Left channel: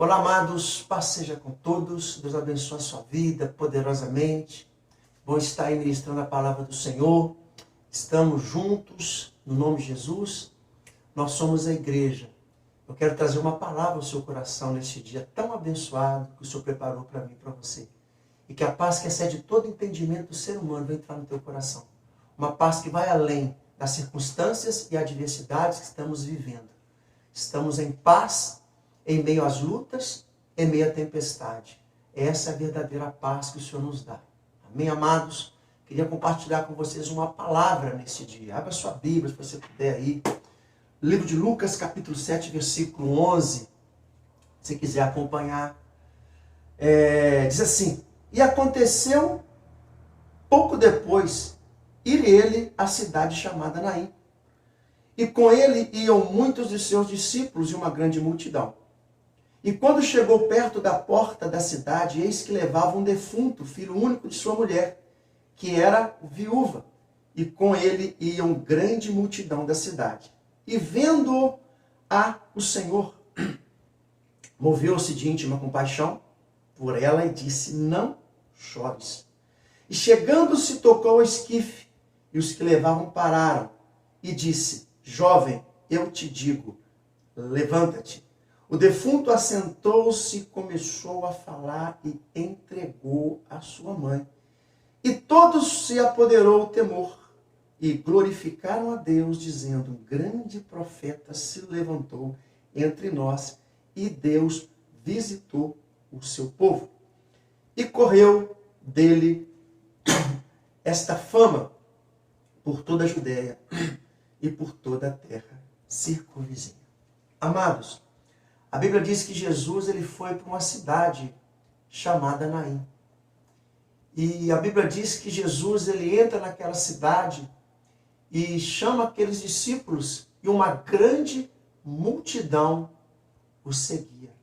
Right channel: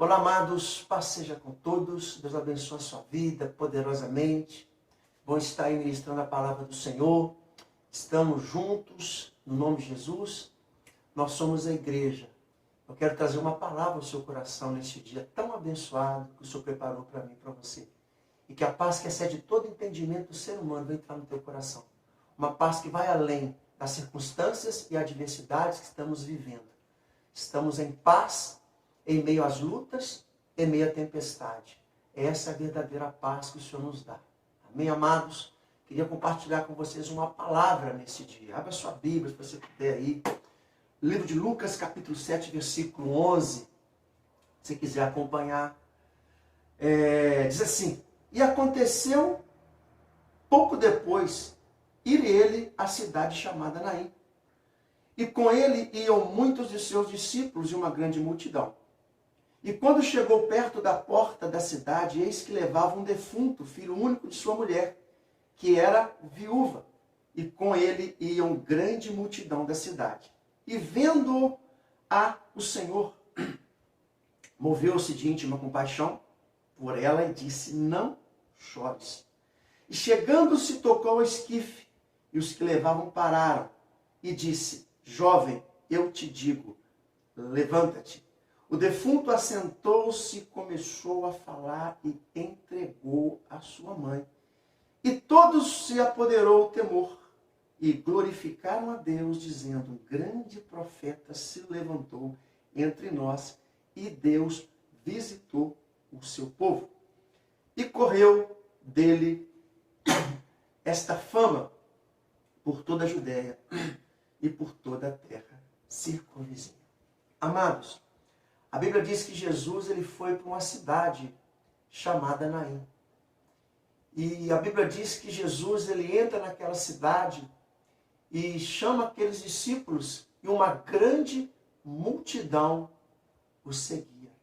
Olá, amados, paz seja com todos, Deus abençoe a sua vida poderosamente. Bom estar aí ministrando a palavra do Senhor, estamos juntos, no nome de Jesus, nós somos a igreja. Eu quero trazer uma palavra ao seu coração neste dia tão abençoado que o Senhor preparou para mim e para você. E que a paz que excede todo entendimento do ser humano vai entrar no teu coração. Uma paz que vai além das circunstâncias e adversidades que estamos vivendo. Estamos em paz em meio às lutas, em meio à tempestade. Essa é a verdadeira paz que o Senhor nos dá. Amém, amados? Queria compartilhar com vocês uma palavra nesse dia. Abra sua Bíblia, se você puder aí. Livro de Lucas, capítulo 7, versículo 11. Se quiser acompanhar. Diz assim: E aconteceu pouco depois, ir ele à cidade chamada Naim. E com ele iam muitos de seus discípulos e uma grande multidão. E quando chegou perto da porta da cidade, eis que levava um defunto, filho único de sua mulher, que era viúva. E com ele iam grande multidão da cidade. E vendo-o o Senhor, moveu-se de íntima compaixão por ela e disse: Não chores. E chegando-se, tocou ao esquife, e os que levavam pararam. E disse: Jovem, eu te digo, levanta-te. O defunto assentou-se, começou a falar e entregou a sua mãe. E todos se apoderou o temor e glorificaram a Deus, dizendo: Um grande profeta se levantou entre nós e Deus visitou o seu povo. E correu dele esta fama por toda a Judéia e por toda a terra circunvizinha. Amados, a Bíblia diz que Jesus ele foi para uma cidade chamada Naim. E a Bíblia diz que Jesus ele entra naquela cidade e chama aqueles discípulos e uma grande multidão o seguia.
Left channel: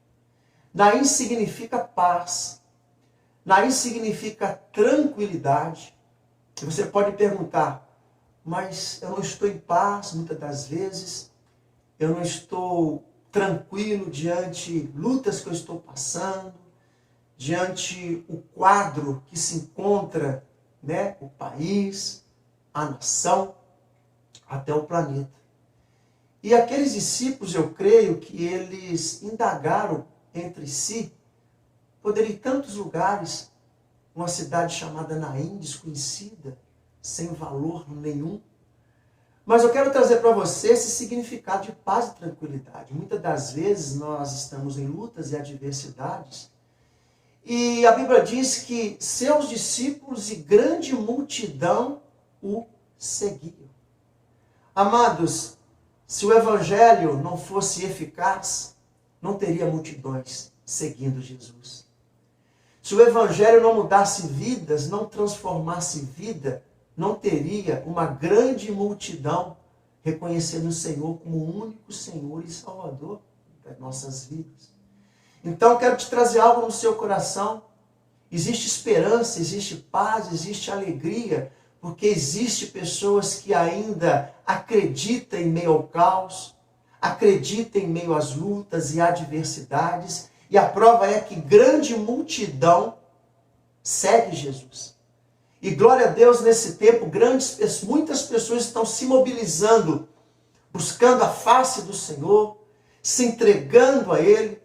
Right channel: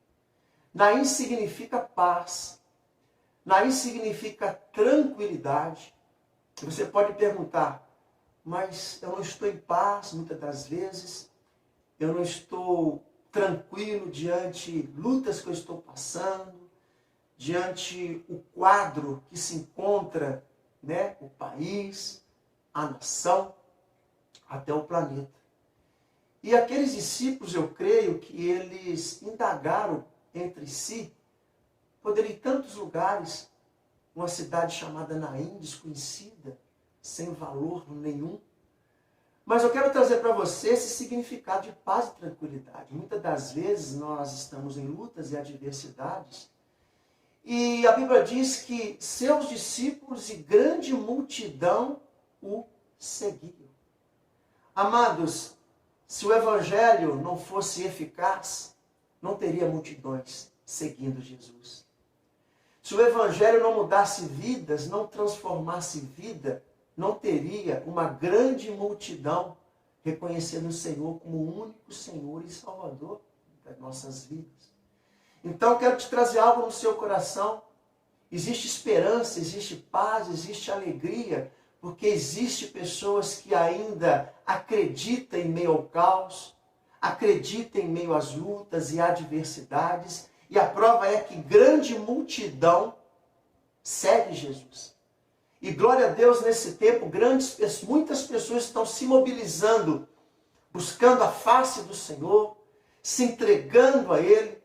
Naim significa paz. Naim significa tranquilidade. E você pode perguntar: mas eu não estou em paz muitas das vezes, eu não estou tranquilo diante lutas que eu estou passando, diante o quadro que se encontra, o país, a nação, até o planeta. E aqueles discípulos, eu creio que eles indagaram entre si, poder ir em tantos lugares, uma cidade chamada Naim, desconhecida, sem valor nenhum. Mas eu quero trazer para você esse significado de paz e tranquilidade. Muitas das vezes nós estamos em lutas e adversidades. E a Bíblia diz que seus discípulos e grande multidão o seguiam. Amados, se o Evangelho não fosse eficaz, não teria multidões seguindo Jesus. Se o Evangelho não mudasse vidas, não transformasse vida, não teria uma grande multidão reconhecendo o Senhor como o único Senhor e Salvador das nossas vidas. Então eu quero te trazer algo no seu coração. Existe esperança, existe paz, existe alegria, porque existe pessoas que ainda acreditam em meio ao caos, acreditam em meio às lutas e adversidades, e a prova é que grande multidão segue Jesus. E glória a Deus, nesse tempo, muitas pessoas estão se mobilizando, buscando a face do Senhor, se entregando a Ele,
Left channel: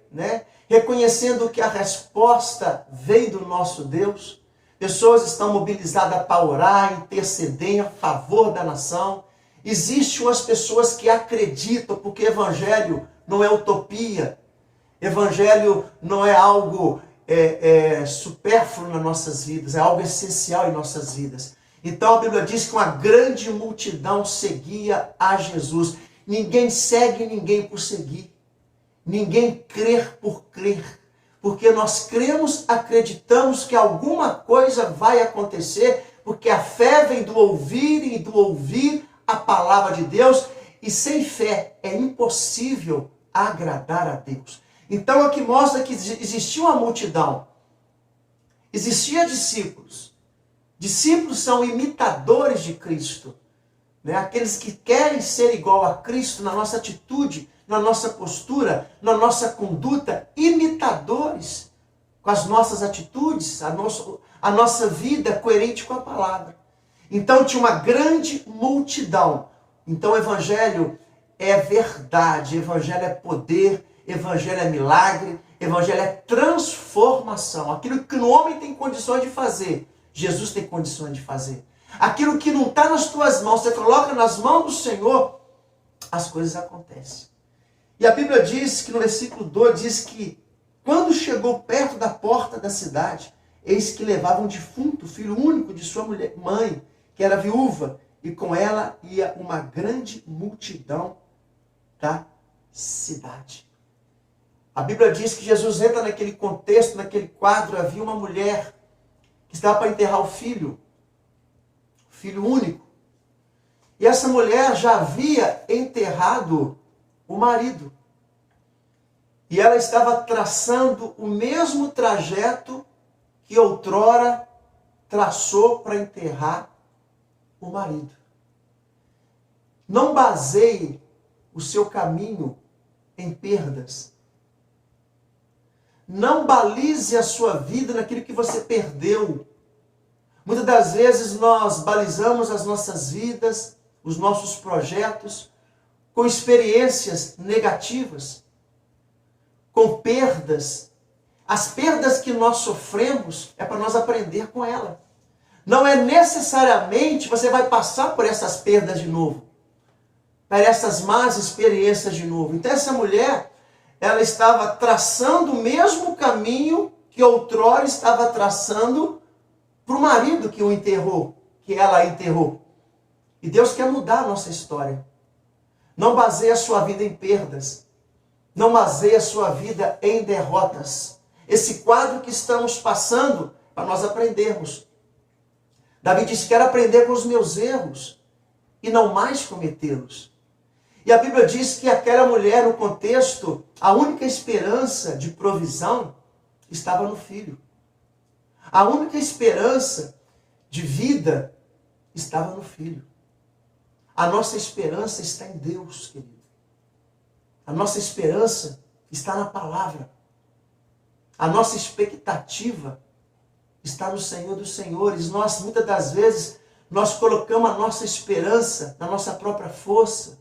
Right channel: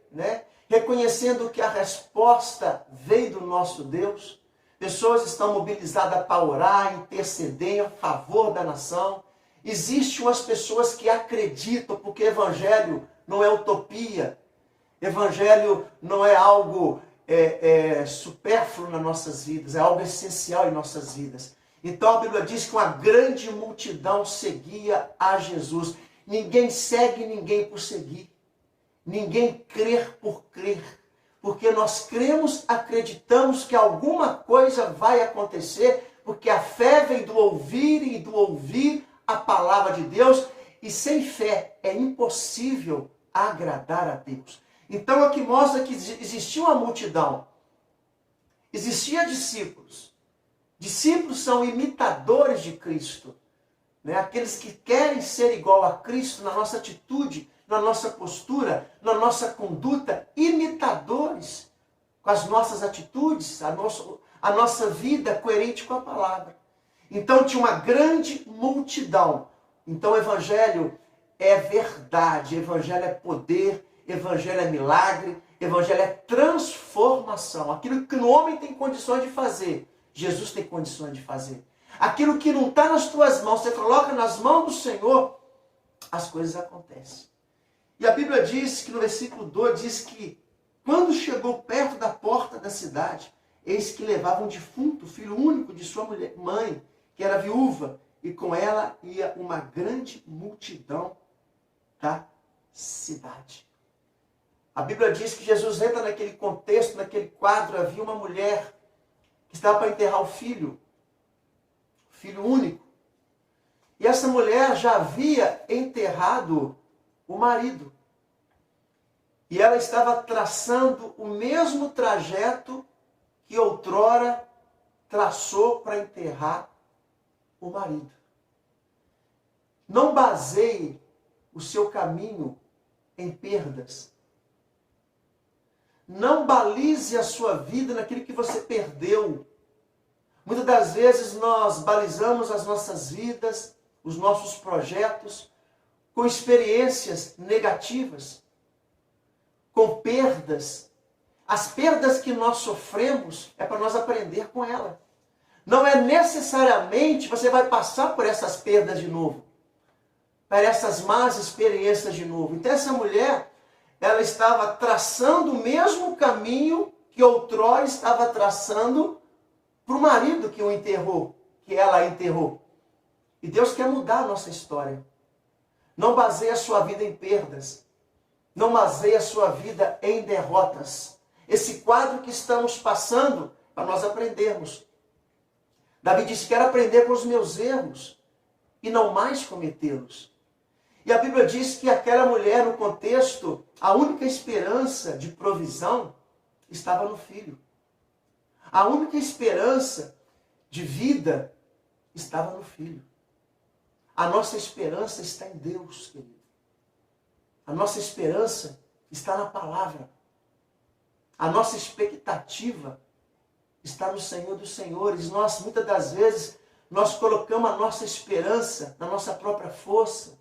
reconhecendo que a resposta vem do nosso Deus. Pessoas estão mobilizadas para orar, interceder a favor da nação. Existem umas pessoas que acreditam, porque Evangelho não é utopia, Evangelho não é algo supérfluo nas nossas vidas, é algo essencial em nossas vidas. Então a Bíblia diz que uma grande multidão seguia a Jesus. Ninguém segue ninguém por seguir. Ninguém crê por crer. Porque nós cremos, acreditamos que alguma coisa vai acontecer, porque a fé vem do ouvir e do ouvir a palavra de Deus. E sem fé é impossível agradar a Deus. Então aqui mostra que existia uma multidão, existia discípulos. Discípulos são imitadores de Cristo, aqueles que querem ser igual a Cristo na nossa atitude, na nossa postura, na nossa conduta, imitadores pecadores com as nossas atitudes, a nossa vida coerente com a palavra. Então tinha uma grande multidão. Então o evangelho é verdade, evangelho é poder, evangelho é milagre, evangelho é transformação. Aquilo que o homem tem condições de fazer, Jesus tem condições de fazer. Aquilo que não está nas tuas mãos, você coloca nas mãos do Senhor, as coisas acontecem. E a Bíblia diz que no versículo 2, diz que quando chegou perto da porta da cidade, eis que levava um defunto, filho único de sua mãe, que era viúva, e com ela ia uma grande multidão da cidade. A Bíblia diz que Jesus entra naquele contexto, naquele quadro, havia uma mulher que estava para enterrar o filho único. E essa mulher já havia enterrado o marido. E ela estava traçando o mesmo trajeto que outrora traçou para enterrar o marido. Não baseie o seu caminho em perdas. Não balize a sua vida naquilo que você perdeu. Muitas das vezes nós balizamos as nossas vidas, os nossos projetos, com experiências negativas, com perdas. As perdas que nós sofremos é para nós aprender com ela. Não é necessariamente você vai passar por essas perdas de novo, por essas más experiências de novo. Então essa mulher, ela estava traçando o mesmo caminho que outrora estava traçando para o marido que o enterrou, que ela enterrou. E Deus quer mudar a nossa história. Não baseie a sua vida em perdas. Não baseie a sua vida em derrotas. Esse quadro que estamos passando, para nós aprendermos. Davi disse, quero aprender com os meus erros e não mais cometê-los. E a Bíblia diz que aquela mulher, no contexto, a única esperança de provisão estava no filho. A única esperança de vida estava no filho. A nossa esperança está em Deus, querido. A nossa esperança está na palavra. A nossa expectativa está no Senhor dos Senhores. Nós, muitas das vezes, nós colocamos a nossa esperança na nossa própria força,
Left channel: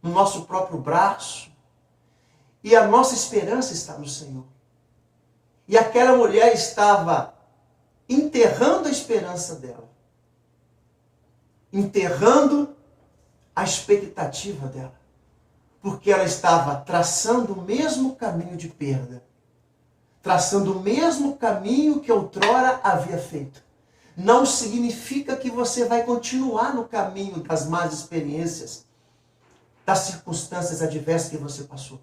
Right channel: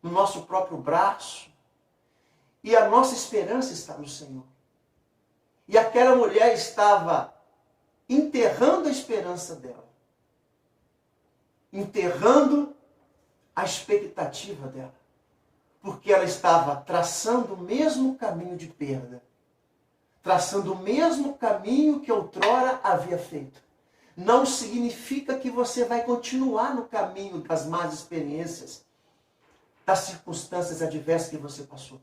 no nosso próprio braço. E a nossa esperança está no Senhor. E aquela mulher estava enterrando a esperança dela. Enterrando a expectativa dela. Porque ela estava traçando o mesmo caminho de perda. Traçando o mesmo caminho que outrora havia feito. Não significa que você vai continuar no caminho das más experiências, das circunstâncias adversas que você passou.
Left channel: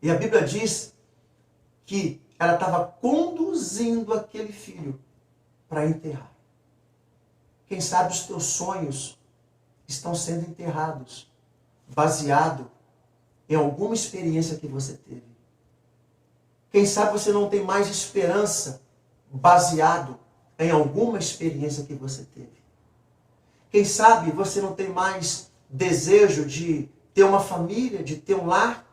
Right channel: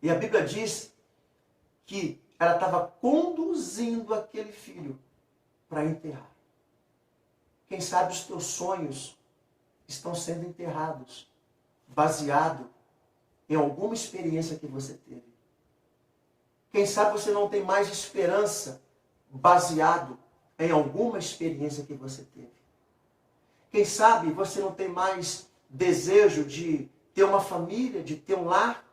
E a Bíblia diz que ela estava conduzindo aquele filho para enterrar. Quem sabe os teus sonhos estão sendo enterrados, baseado em alguma experiência que você teve. Quem sabe você não tem mais esperança, baseado em alguma experiência que você teve. Quem sabe você não tem mais desejo de ter uma família, de ter um lar,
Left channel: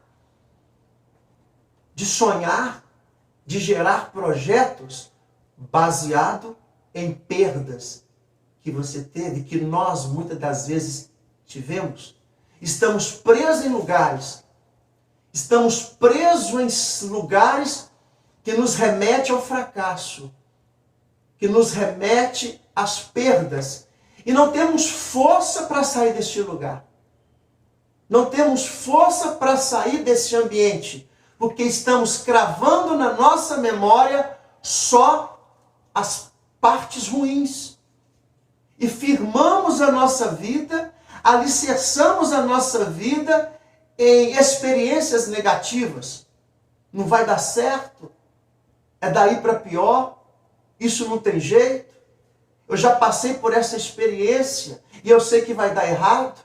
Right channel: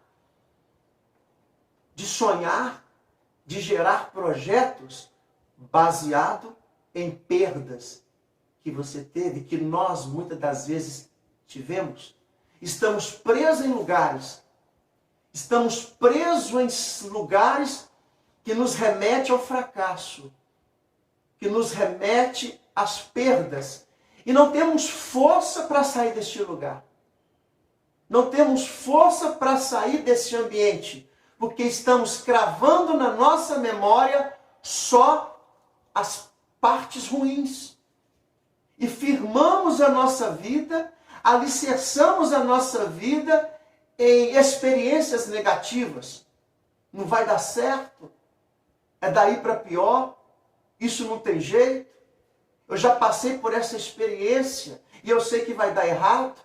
de sonhar, de gerar projetos baseado em perdas que você teve, que nós muitas das vezes tivemos. Estamos presos em lugares, estamos presos em lugares que nos remete ao fracasso, que nos remete às perdas. E não temos força para sair deste lugar. Não temos força para sair desse ambiente, porque estamos cravando na nossa memória só as partes ruins. E firmamos a nossa vida, alicerçamos a nossa vida em experiências negativas. Não vai dar certo, é daí para pior, isso não tem jeito. Eu já passei por essa experiência e eu sei que vai dar errado.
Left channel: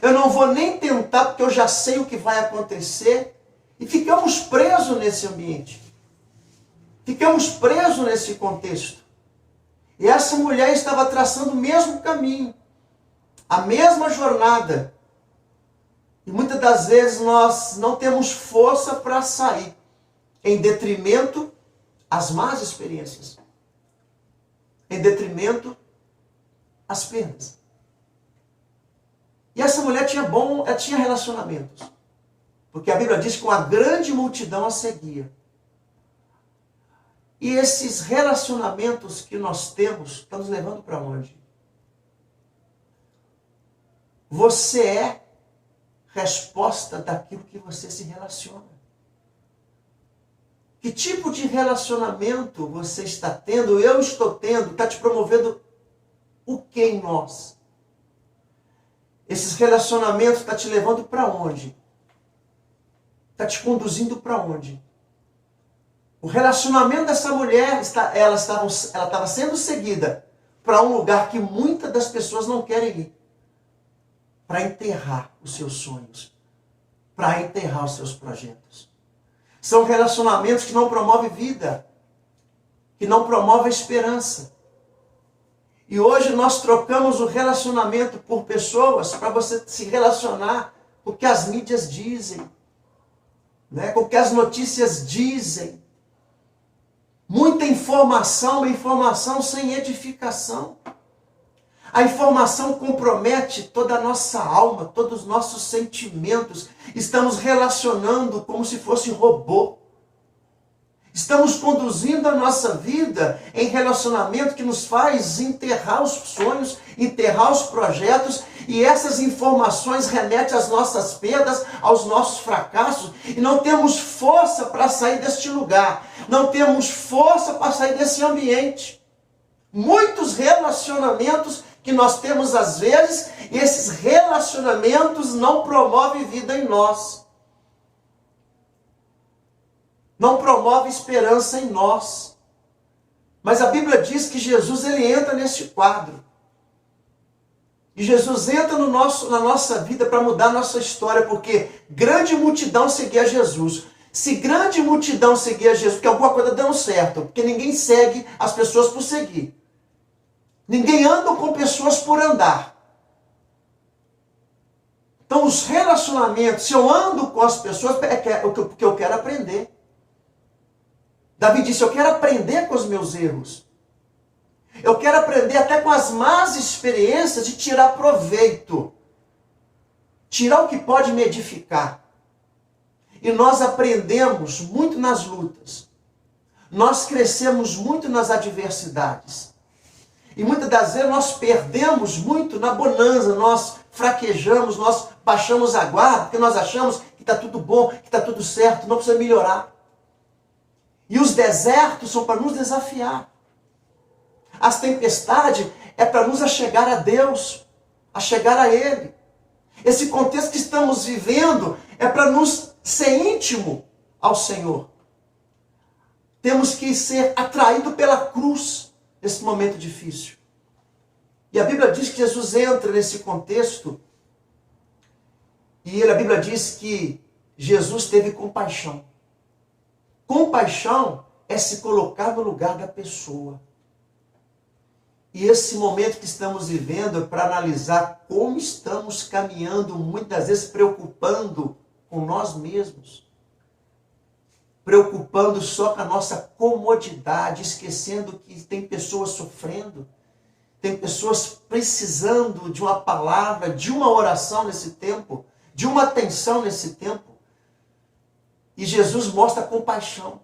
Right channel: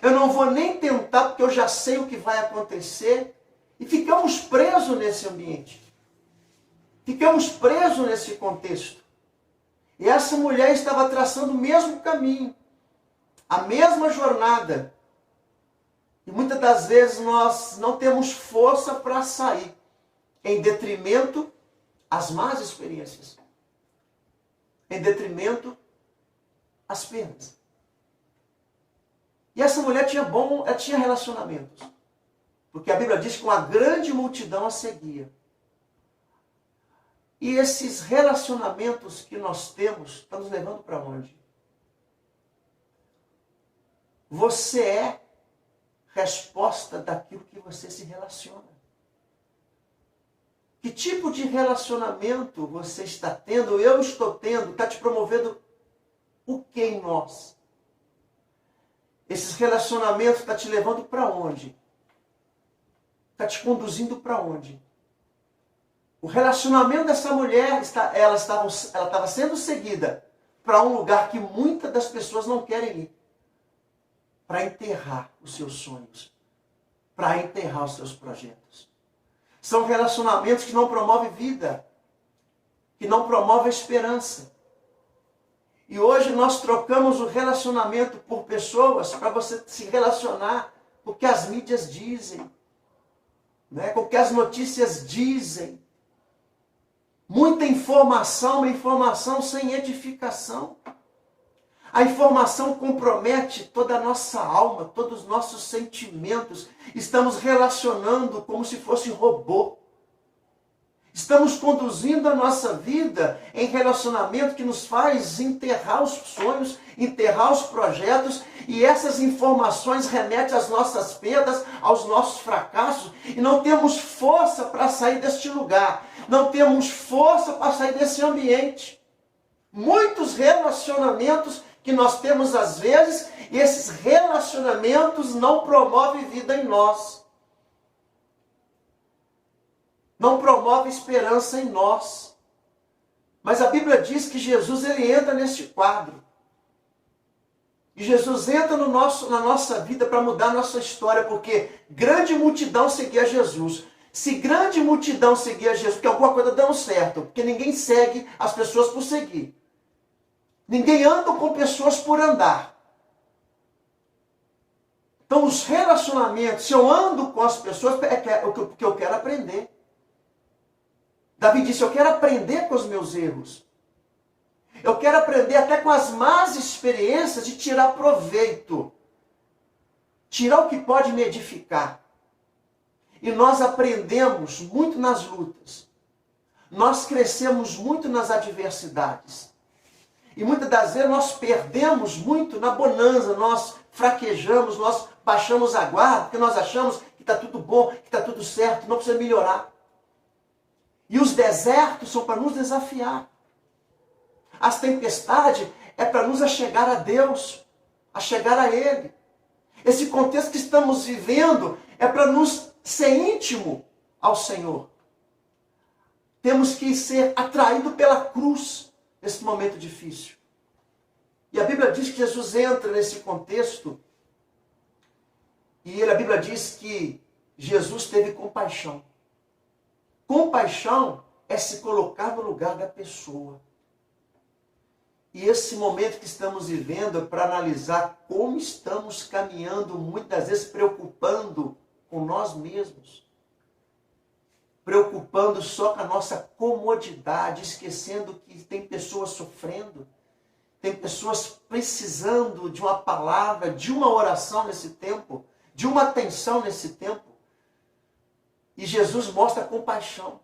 Eu não vou nem tentar porque eu já sei o que vai acontecer. E ficamos presos nesse ambiente. Ficamos presos nesse contexto. E essa mulher estava traçando o mesmo caminho, a mesma jornada. E muitas das vezes nós não temos força para sair. em detrimento às más experiências, em detrimento às perdas. E essa mulher ela tinha relacionamentos, porque a Bíblia diz que uma grande multidão a seguia. E esses relacionamentos que nós temos estão nos levando para onde? Você é resposta daquilo que você se relaciona. Que tipo de relacionamento você está tendo, eu estou tendo, está te promovendo o que em nós? Esses relacionamentos estão te levando para onde? Está te conduzindo para onde? O relacionamento dessa mulher, ela estava sendo seguida para um lugar que muitas das pessoas não querem ir. Para enterrar os seus sonhos. Para enterrar os seus projetos. São relacionamentos que não promovem vida. Que não promovem esperança. E hoje nós trocamos o relacionamento por pessoas para você se relacionar com o que as mídias dizem. Né? Com o que as notícias dizem. Muita informação, uma informação sem edificação. A informação compromete toda a nossa alma, todos os nossos sentimentos. Estamos relacionando como se fosse robô. Estamos conduzindo a nossa vida em relacionamento que nos faz enterrar os sonhos, enterrar os projetos, e essas informações remetem às nossas perdas, aos nossos fracassos, e não temos força para sair deste lugar, não temos força para sair desse ambiente. Muitos relacionamentos que nós temos às vezes, e esses relacionamentos não promovem vida em nós. Não promove esperança em nós. Mas a Bíblia diz que Jesus ele entra neste quadro. E Jesus entra na nossa vida para mudar a nossa história, porque grande multidão seguia Jesus. Se grande multidão seguia Jesus, porque alguma coisa deu certo, porque ninguém segue as pessoas por seguir. Ninguém anda com pessoas por andar. Então os relacionamentos, se eu ando com as pessoas, é porque eu quero aprender. Davi disse, eu quero aprender com os meus erros. Eu quero aprender até com as más experiências e tirar proveito. Tirar o que pode me edificar. E nós aprendemos muito nas lutas. Nós crescemos muito nas adversidades. E muitas das vezes nós perdemos muito na bonança, nós fraquejamos, nós baixamos a guarda, porque nós achamos que está tudo bom, que está tudo certo, não precisa melhorar. E os desertos são para nos desafiar. As tempestades é para nos achegar a Deus, a chegar a Ele. Esse contexto que estamos vivendo é para nos ser íntimo ao Senhor. Temos que ser atraídos pela cruz nesse momento difícil. E a Bíblia diz que Jesus entra nesse contexto e a Bíblia diz que Jesus teve compaixão. Compaixão é se colocar no lugar da pessoa. E esse momento que estamos vivendo é para analisar como estamos caminhando, muitas vezes preocupando com nós mesmos. Preocupando só com a nossa comodidade, esquecendo que tem pessoas sofrendo. Tem pessoas precisando de uma palavra, de uma oração nesse tempo, de uma atenção nesse tempo. E Jesus mostra compaixão.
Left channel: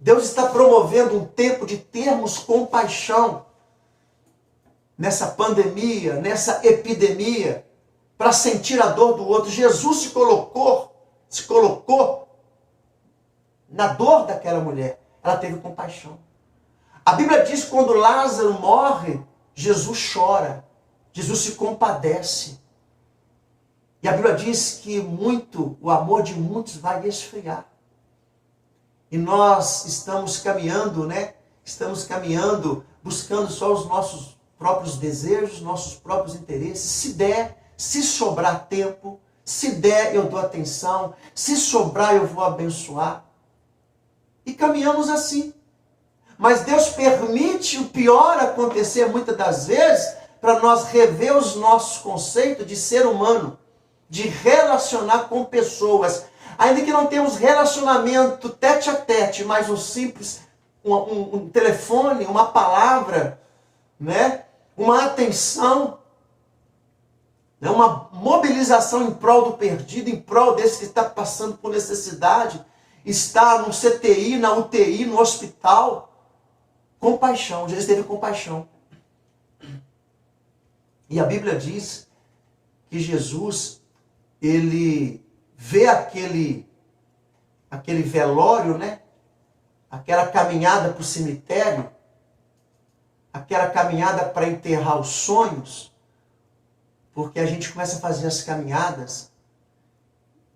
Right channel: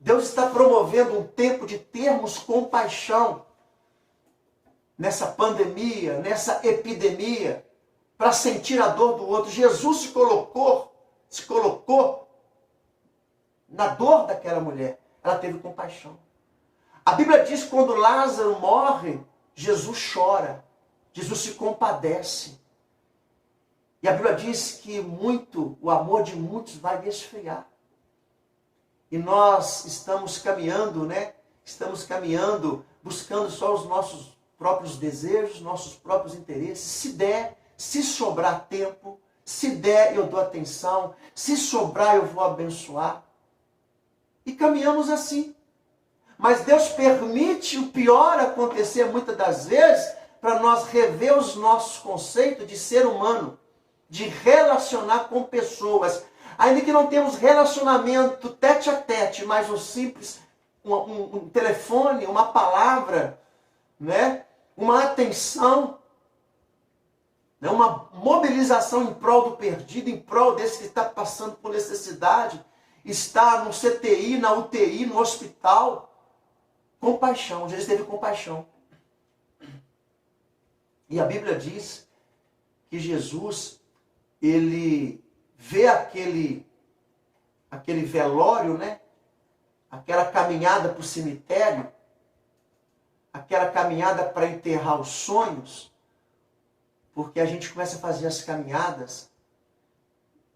Deus está promovendo um tempo de termos compaixão nessa pandemia, nessa epidemia, para sentir a dor do outro. Jesus se colocou na dor daquela mulher. Ela teve compaixão. A Bíblia diz que quando Lázaro morre, Jesus chora. Jesus se compadece. E a Bíblia diz que o amor de muitos vai esfriar. E nós estamos caminhando, Estamos caminhando, buscando só os nossos próprios desejos, nossos próprios interesses. Se der, se sobrar tempo, se der eu dou atenção, se sobrar eu vou abençoar. E caminhamos assim. Mas Deus permite o pior acontecer muitas das vezes para nós rever os nossos conceitos de ser humano, de relacionar com pessoas. ainda que não temos relacionamento tete a tete, mas um simples, um telefone, uma palavra, né? Uma atenção, né? Uma mobilização em prol do perdido, em prol desse que está passando por necessidade, está no CTI, na UTI, no hospital. Compaixão, Jesus teve compaixão. E a Bíblia diz que Jesus, ele vê aquele velório, né? Aquela caminhada para o cemitério, aquela caminhada para enterrar os sonhos, porque a gente começa a fazer as caminhadas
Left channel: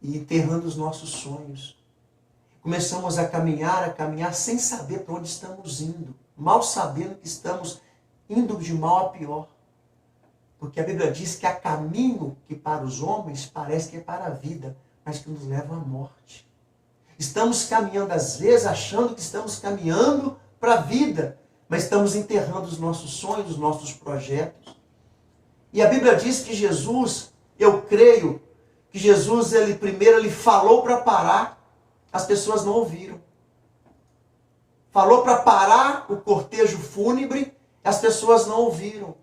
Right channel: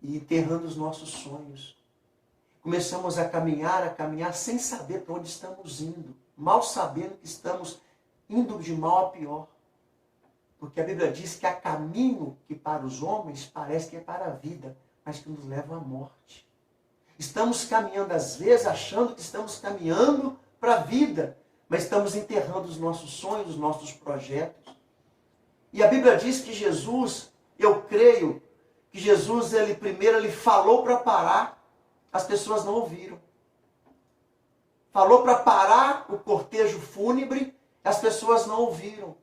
e enterrando os nossos sonhos. Começamos a caminhar sem saber para onde estamos indo, mal sabendo que estamos indo de mal a pior. Porque a Bíblia diz que há caminho que para os homens parece que é para a vida, mas que nos leva à morte. Estamos caminhando às vezes achando que estamos caminhando para a vida, mas estamos enterrando os nossos sonhos, os nossos projetos. E a Bíblia diz que Jesus, eu creio, que Jesus, primeiro ele falou para parar, as pessoas não ouviram. Falou para parar o cortejo fúnebre, as pessoas não ouviram.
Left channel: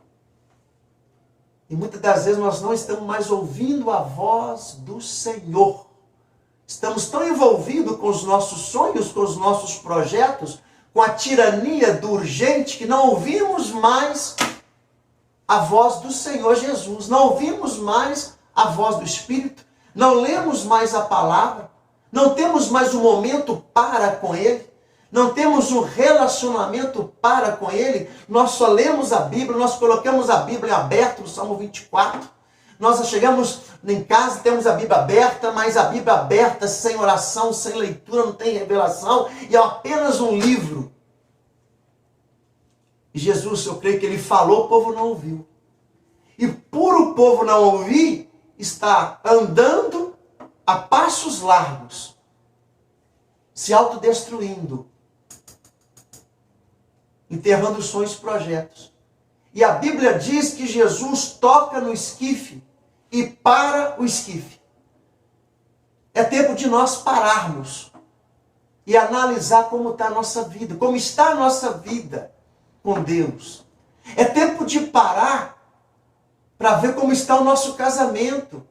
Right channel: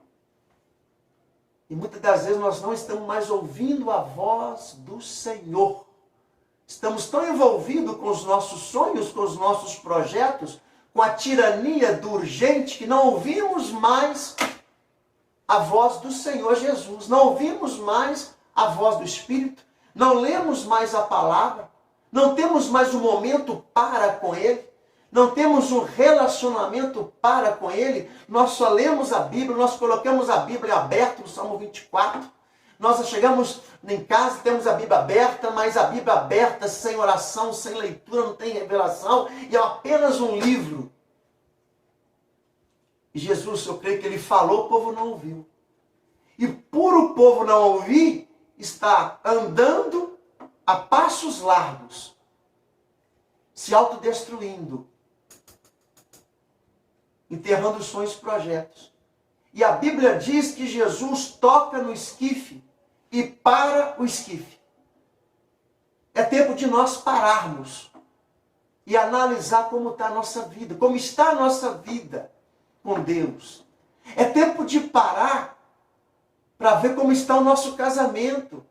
E muitas das vezes nós não estamos mais ouvindo a voz do Senhor. Estamos tão envolvidos com os nossos sonhos, com os nossos projetos, com a tirania do urgente, que não ouvimos mais a voz do Senhor Jesus. Não ouvimos mais a voz do Espírito. Não lemos mais a palavra. Não temos mais um momento para com Ele. Não temos um relacionamento para com Ele. Nós só lemos a Bíblia, nós colocamos a Bíblia aberta no Salmo 24. Nós chegamos em casa, temos a Bíblia aberta, mas a Bíblia aberta sem oração, sem leitura, não tem revelação, e é apenas um livro. E Jesus, eu creio que Ele falou, o povo não ouviu. E por o povo não ouvir, está andando a passos largos, se autodestruindo, enterrando sonhos e projetos. E a Bíblia diz que Jesus toca no esquife e para o esquife. É tempo de nós pararmos e analisar como está a nossa vida, como está a nossa vida com Deus. É tempo de parar para ver como está o nosso casamento.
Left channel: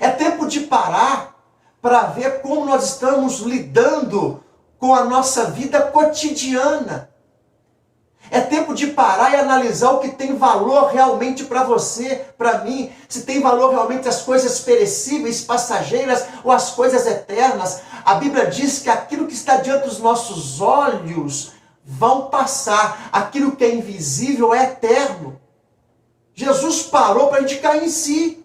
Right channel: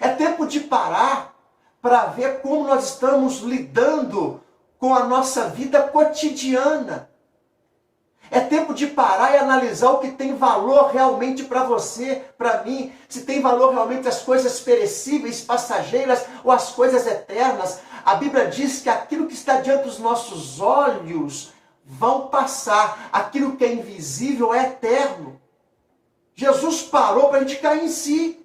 É tempo de parar para ver como nós estamos lidando com a nossa vida cotidiana. É tempo de parar e analisar o que tem valor realmente para você, para mim. Se tem valor realmente as coisas perecíveis, passageiras ou as coisas eternas. A Bíblia diz que aquilo que está diante dos nossos olhos vão passar. Aquilo que é invisível é eterno. Jesus parou para a gente cair em si.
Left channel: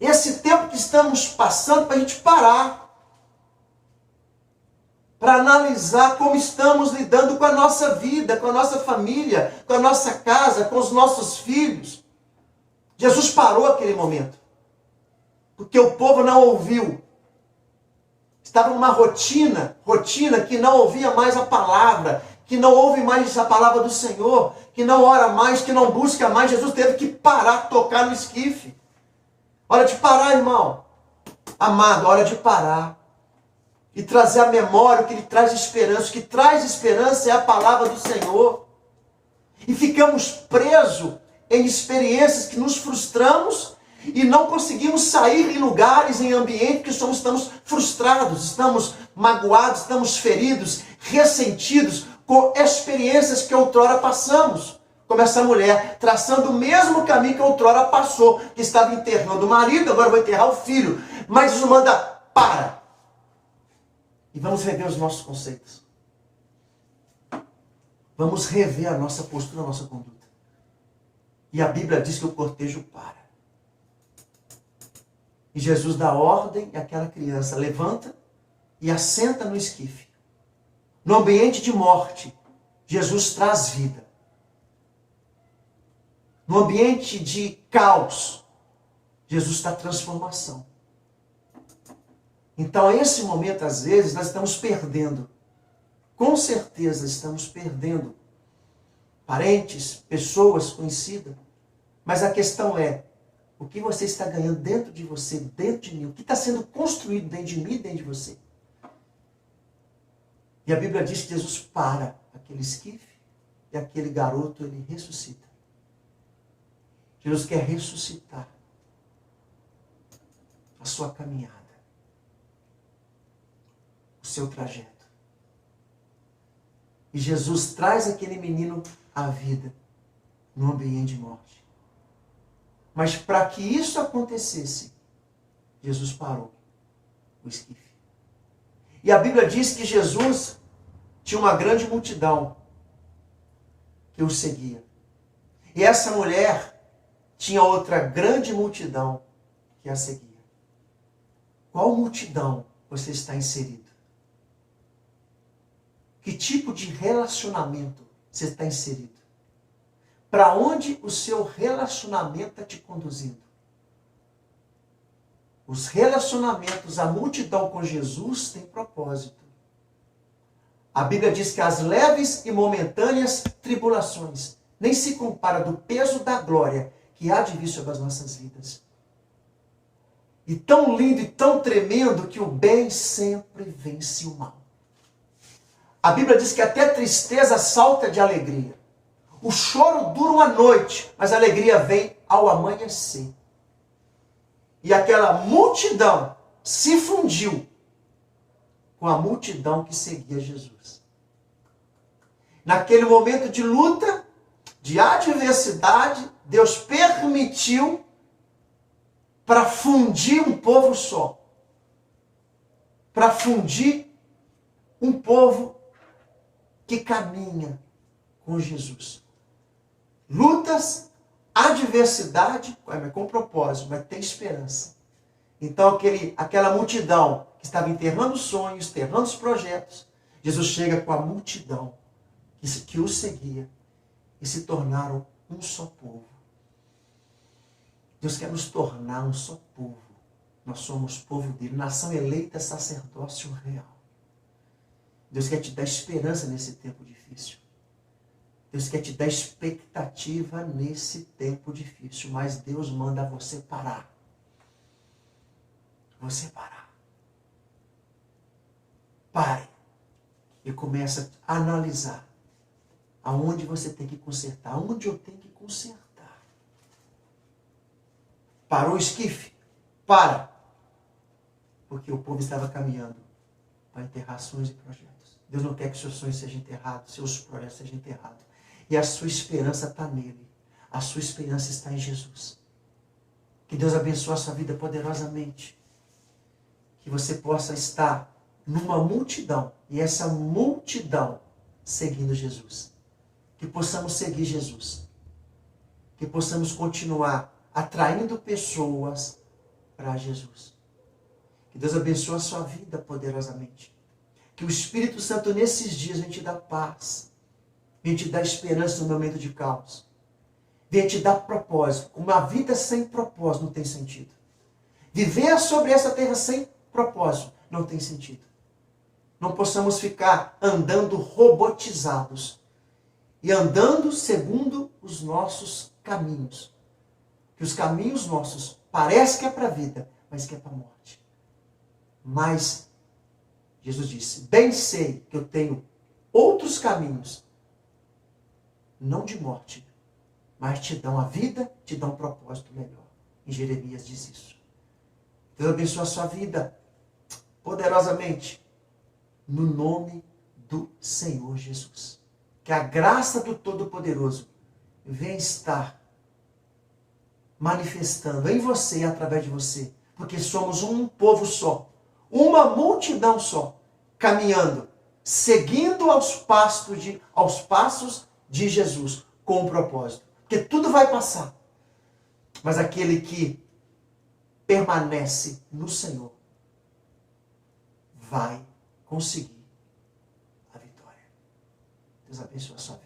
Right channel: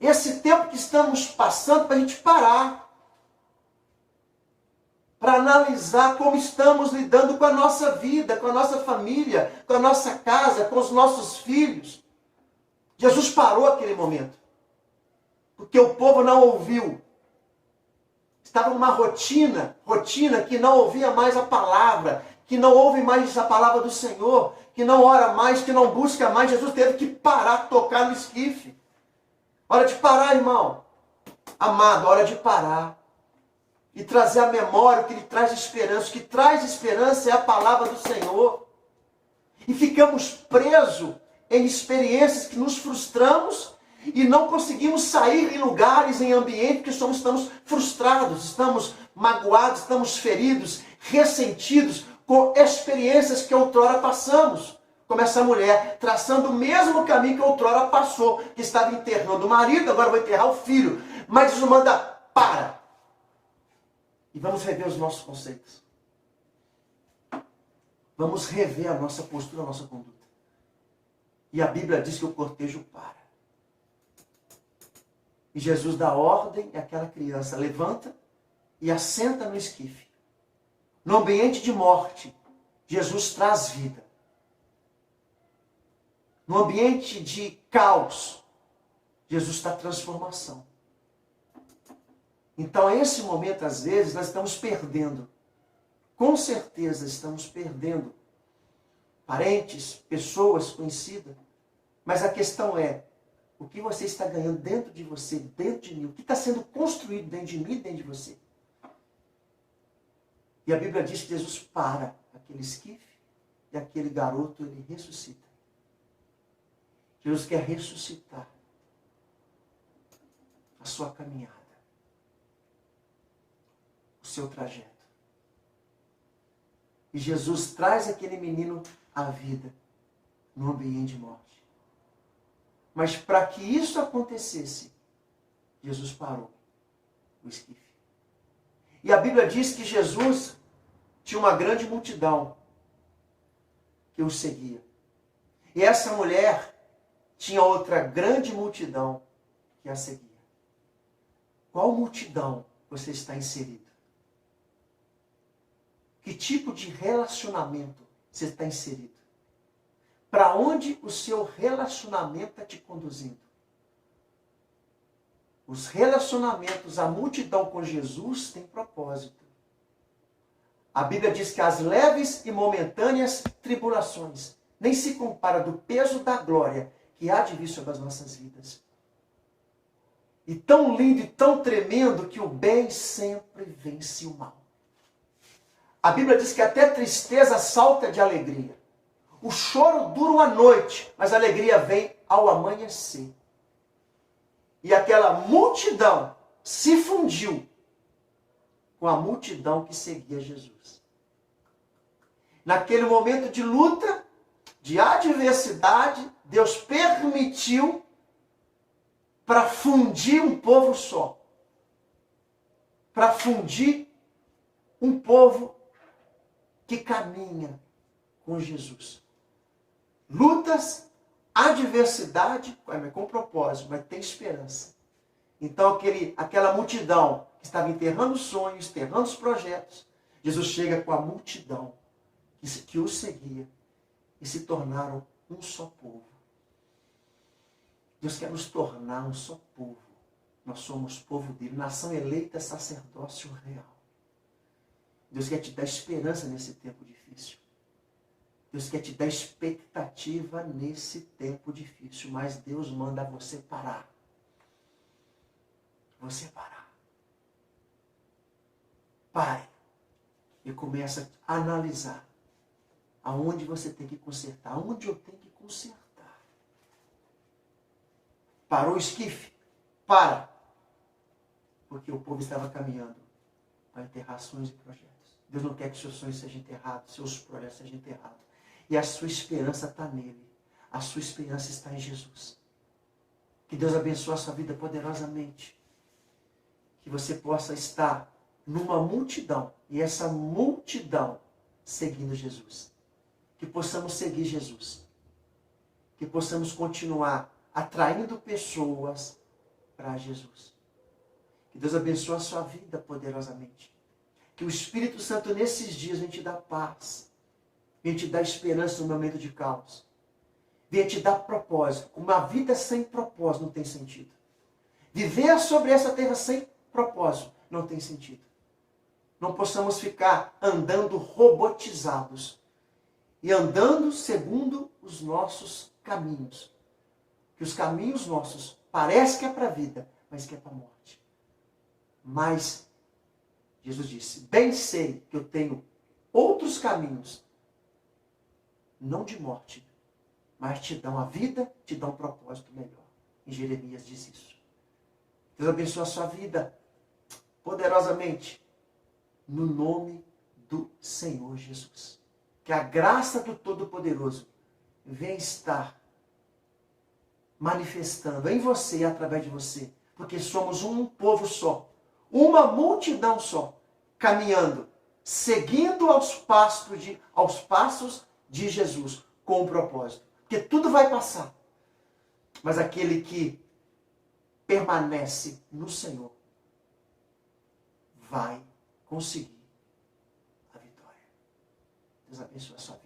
Esse tempo que estamos passando para a gente parar. Para analisar como estamos lidando com a nossa vida, com a nossa família, com a nossa casa, com os nossos filhos. Jesus parou aquele momento. Porque o povo não ouviu. Estava numa rotina que não ouvia mais a palavra, que não ouve mais a palavra do Senhor, que não ora mais, que não busca mais. Jesus teve que parar, tocar no esquife. Hora de parar, irmão. Amado, hora de parar. E trazer à memória o que lhe traz esperança. O que traz esperança é a palavra do Senhor. E ficamos presos em experiências que nos frustramos e não conseguimos sair em lugares, em ambientes que estamos frustrados, estamos magoados, estamos feridos, ressentidos com experiências que outrora passamos. Como essa mulher, traçando o mesmo caminho que outrora passou, que estava enterrando o marido, agora vai enterrar o filho. Mas Jesus manda, para. E vamos rever os nossos conceitos. Vamos rever a nossa postura, a nossa conduta. E a Bíblia diz que o cortejo para. E Jesus dá ordem e aquela criança levanta e assenta no esquife. No ambiente de morte, Jesus traz vida. No ambiente de caos, Jesus traz transformação. Então, a esse momento, às vezes, nós estamos perdendo. Com certeza estamos perdendo parentes, pessoas conhecidas. Mas a questão é, O que você está ganhando dentro de você, dentro de mim? O que está sendo construído dentro de mim e dentro de você? E a Bíblia diz que Jesus para aquele esquife e aquele garoto, ele ressuscita. Jesus quer ressuscitar a sua caminhada, o seu trajeto. E Jesus traz aquele menino à vida no ambiente de morte. Mas para que isso acontecesse, Jesus parou o esquife. E a Bíblia diz que Jesus tinha uma grande multidão que o seguia. E essa mulher tinha outra grande multidão que a seguia. Qual multidão você está inserido? Que tipo de relacionamento você está inserido? Para onde o seu relacionamento está te conduzindo? Os relacionamentos, a multidão com Jesus tem propósito. A Bíblia diz que as leves e momentâneas tribulações nem se compara do peso da glória que há de vir sobre as nossas vidas. E tão lindo e tão tremendo que o bem sempre vence o mal. A Bíblia diz que até a tristeza salta de alegria. O choro dura uma noite, mas a alegria vem ao amanhecer. E aquela multidão se fundiu com a multidão que seguia Jesus. Naquele momento de luta, de adversidade, Deus permitiu para fundir um povo só. Para fundir um povo que caminha com Jesus. Lutas, adversidade, com propósito, mas tem esperança. Então aquela multidão que estava enterrando sonhos, enterrando os projetos, Jesus chega com a multidão que o seguia e se tornaram um só povo. Deus quer nos tornar um só povo. Nós somos povo dele, nação eleita, sacerdócio real. Deus quer te dar esperança nesse tempo difícil. Deus quer te dar expectativa nesse tempo difícil, mas Deus manda você parar. Você parar. Pare e comece a analisar aonde você tem que consertar, aonde eu tenho que consertar. Parou o esquife? Para! Porque o povo estava caminhando para enterrar sonhos e projetos. Deus não quer que seus sonhos sejam enterrados, seus projetos sejam enterrados. E a sua esperança está nele. A sua esperança está em Jesus. Que Deus abençoe a sua vida poderosamente. Que você possa estar numa multidão. E essa multidão seguindo Jesus. Que possamos seguir Jesus. Que possamos continuar atraindo pessoas para Jesus. Que Deus abençoe a sua vida poderosamente. Que o Espírito Santo nesses dias vem te dar paz. Vem te dar esperança no momento de caos. Vem te dar propósito. Uma vida sem propósito não tem sentido. Viver sobre essa terra sem propósito não tem sentido. Não possamos ficar andando robotizados. E andando segundo os nossos caminhos. Que os caminhos nossos parece que é para a vida, mas que é para a morte. Mas Jesus disse, bem sei que eu tenho outros caminhos, não de morte, mas te dão a vida, te dão um propósito melhor. Em Jeremias diz isso. Deus abençoe a sua vida poderosamente, no nome do Senhor Jesus. Que a graça do Todo-Poderoso venha estar manifestando em você e através de você. Porque somos um povo só, uma multidão só, caminhando, seguindo aos passos de Jesus, com um propósito. Porque tudo vai passar. Mas aquele que permanece no Senhor vai conseguir a vitória. Deus abençoe a sua vida.